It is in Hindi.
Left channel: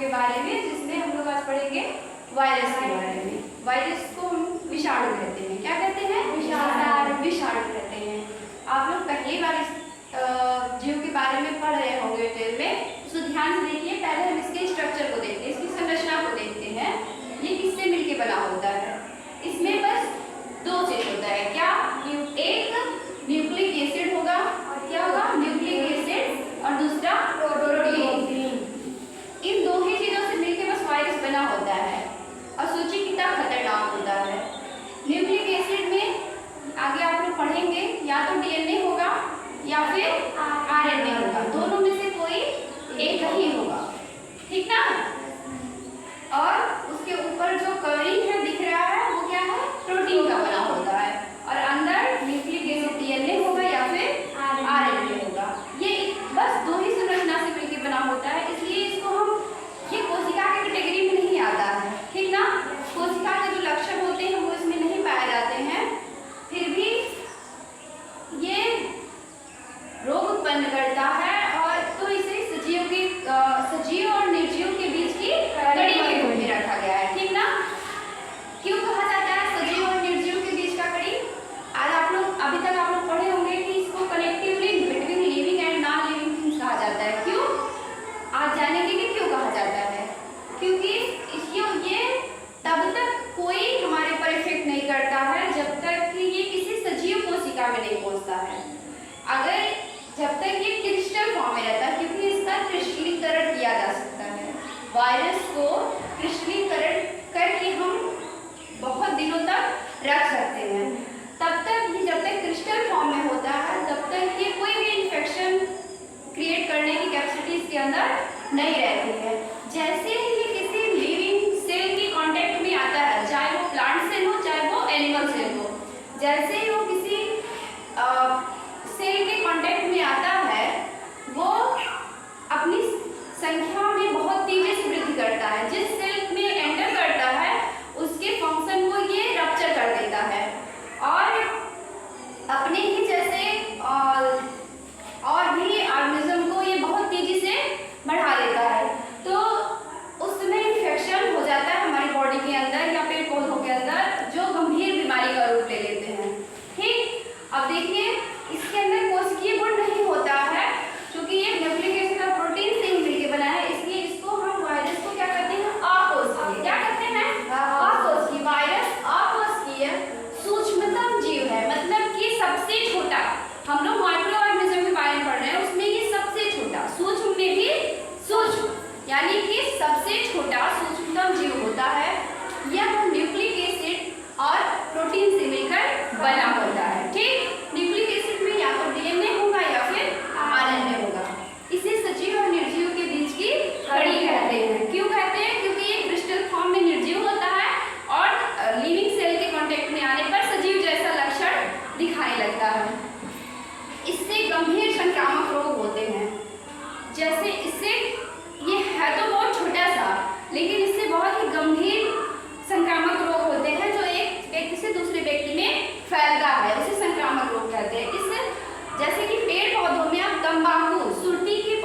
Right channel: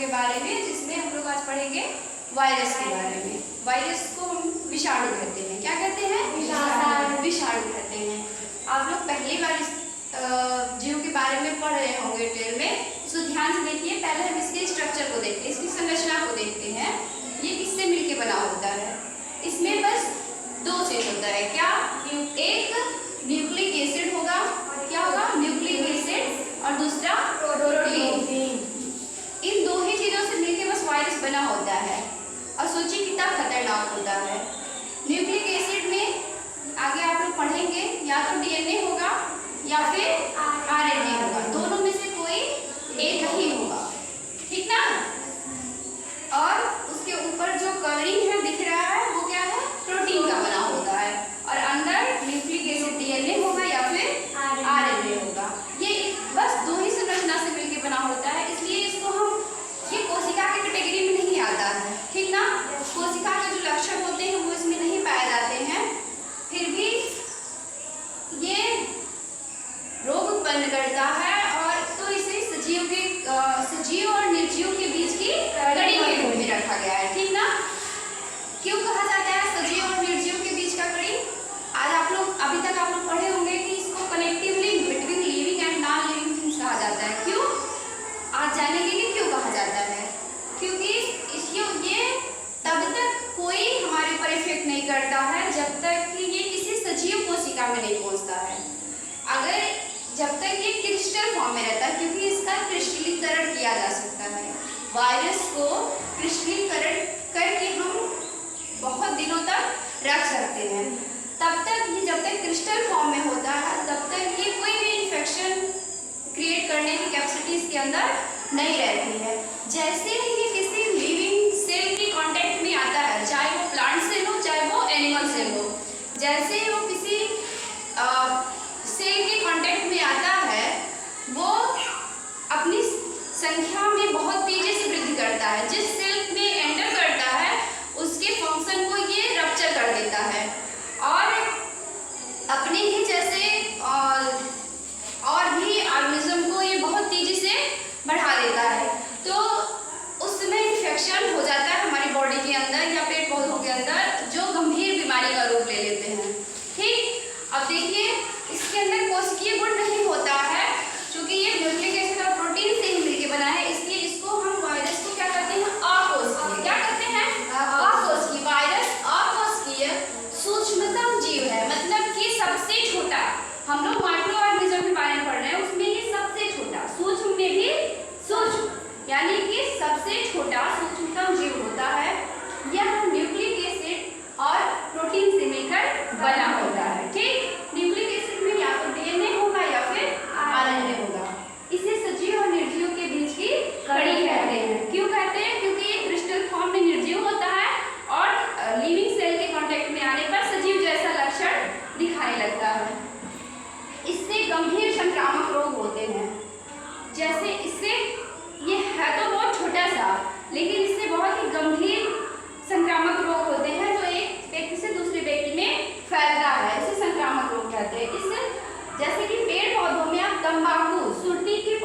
के बारे में, जिसमें हम लोग आज पढ़ेंगे वायरस के बारे में। वायरस को हम विषाणु कहते हैं। क्या कहते हैं? विषाणु कहते हैं। आप लोग पहली बार इस जीव के बारे में पढ़ रहे होंगे टेल में, तो ध्यान से देखिए। पहले हम इसके स्ट्रक्चर को देखते हैं, इसकी संरचना को देखते हैं। ये किससे मिलके बना होता है? इसमें बस दो चीज होता है। क्या? एक न्यूक्लिक एसिड होगा, क्या होगा? न्यूक्लिक एसिड, और दूसरा प्रोटीन। इन दो ही चीजों से मिलके बस वायरस बना होता है। और सोचिए कितना खतरनाक होता है। न्यूक्लिक एसिड में आगे आप लोग पढ़ेंगे, या तो डीएनए होगा या फिर आरएनए होगा, दोनों में से कोई एक ही होगा, ठीक ना? और उसके ऊपर जो कवरिंग है दिख रहा है, वो क्या है? प्रोटीन का बना होता है। और अंदर न्यूक्लिक एसिड डीएनए होगा या फिर आरएनए होगा। ये बस दो ही संरचना से मिलकर बना होता है, इसलिए इसको हम, ये कोशिका के कैटेगरी में नहीं आता है, ठीक ना? कोशिका के जो लक्षण होते हैं वो इसमें नहीं पाए जाते हैं, फिर भी ये रोग उत्पन्न करता है। और तो इसे सजीव और निर्जीव के बीच की कड़ी के रूप में रखा गया है, ठीक ना? क्यों कहा जाता है सजीव और निर्जीव के बीच का कड़ी? आज आप लोग, अभी तक आप लोग पढ़े होंगे कि इसको connective link between living and non living things कहा जाता है। क्यों? आज जानेंगे कि क्यों कहा जाता है। क्योंकि ये तब तक कोई हमारे पर इफेक्ट नहीं करता है जब तक कि ये किसी सजीव कोशिका में नहीं पहुंचता है। अगर जब तक ये क्रिस्टल फॉर्म में रहता है, क्योंकि इसका क्रिस्टलीकरण किया जा सकता है। वायरस को क्रिस्टलीकरण करके हम बहुत दिनों तक रख सकते हैं। तब तक ये जब तक क्रिस्टल फॉर्म में होता है, तब तक ये कोई भी इन्फेक्शन क्रिएट करने की कैपेसिटी इसके अंदर नहीं रहती है। जैसे ही ये किसी लिविंग सेल के कांटेक्ट में आता है, चाहे वो प्लांट सेल हो चाहे वो एनिमल सेल हो, जैसे ही वो किसी सेल के कांटेक्ट में आता है, वो अपनी संख्या में बहुत तेजी से वृद्धि करता है। जिस सेल में एंटर करता है उसके फंक्शन को ये रप्चर कर देता है और अपने ही जैसे और भी ऑर्गेनिज्म को ये बहुत तेजी से बढ़ा देता है। तो उस समय इन्फेक्शन हो जाता है हमारी बॉडी के अंदर या पेड़ पौधों के अंदर, जो गंभीर बीमारी का रूप ले लेते हैं, ठीक? अब देखिए, इसके अंदर कोशिकीय गुण नहीं होता है, क्योंकि ये न्यूक्लिक एसिड और प्रोटीन से ही मिलकर बना है, इसलिए इसको हम वायरस को क्या कहते हैं? अकोशिकीय। क्या कहते हैं? अकोशिकीय। वायरस अकोशिकीय सूक्ष्मतम जीव है, मतलब कि सबसे छोटा। हम लोग माइक्रो ऑर्गेनिज्म के बारे में पढ़ रहे हैं, उसमें ये सबसे छोटा, सूक्ष्म में भी सूक्ष्म, यानी कि सबसे छोटा सूक्ष्मतम जीव होता है। यह न्यूक्लिक एसिड और प्रोटीन से मिलकर बना होता है, ठीक? न्यूक्लिक एसिड में या तो डीएनए होगा या फिर आरएनए होगा। इसे सजीव और निर्जीव के बीच की कड़ी कहते हैं। क्यों कहते हैं? क्योंकि ये क्रिस्टल फॉर्म में निर्जीव होता है और लिविंग सेल के कांटेक्ट में आने पर सजीव जैसा लक्षण दिखाने लगता है। इससे गंभीर संक्रामक रोग होते हैं। जैसे इससे, ये है तो बहुत छोटा सा, लेकिन इससे बहुत ही गंभीर संक्रामक रोग होते हैं जो एक व्यक्ति से दूसरे व्यक्ति में फैलता है। इसे संक्रामक रोग कहते हैं। इससे जैसे कि पेड़ पौधों में आप तंबाकू, सुर्ती के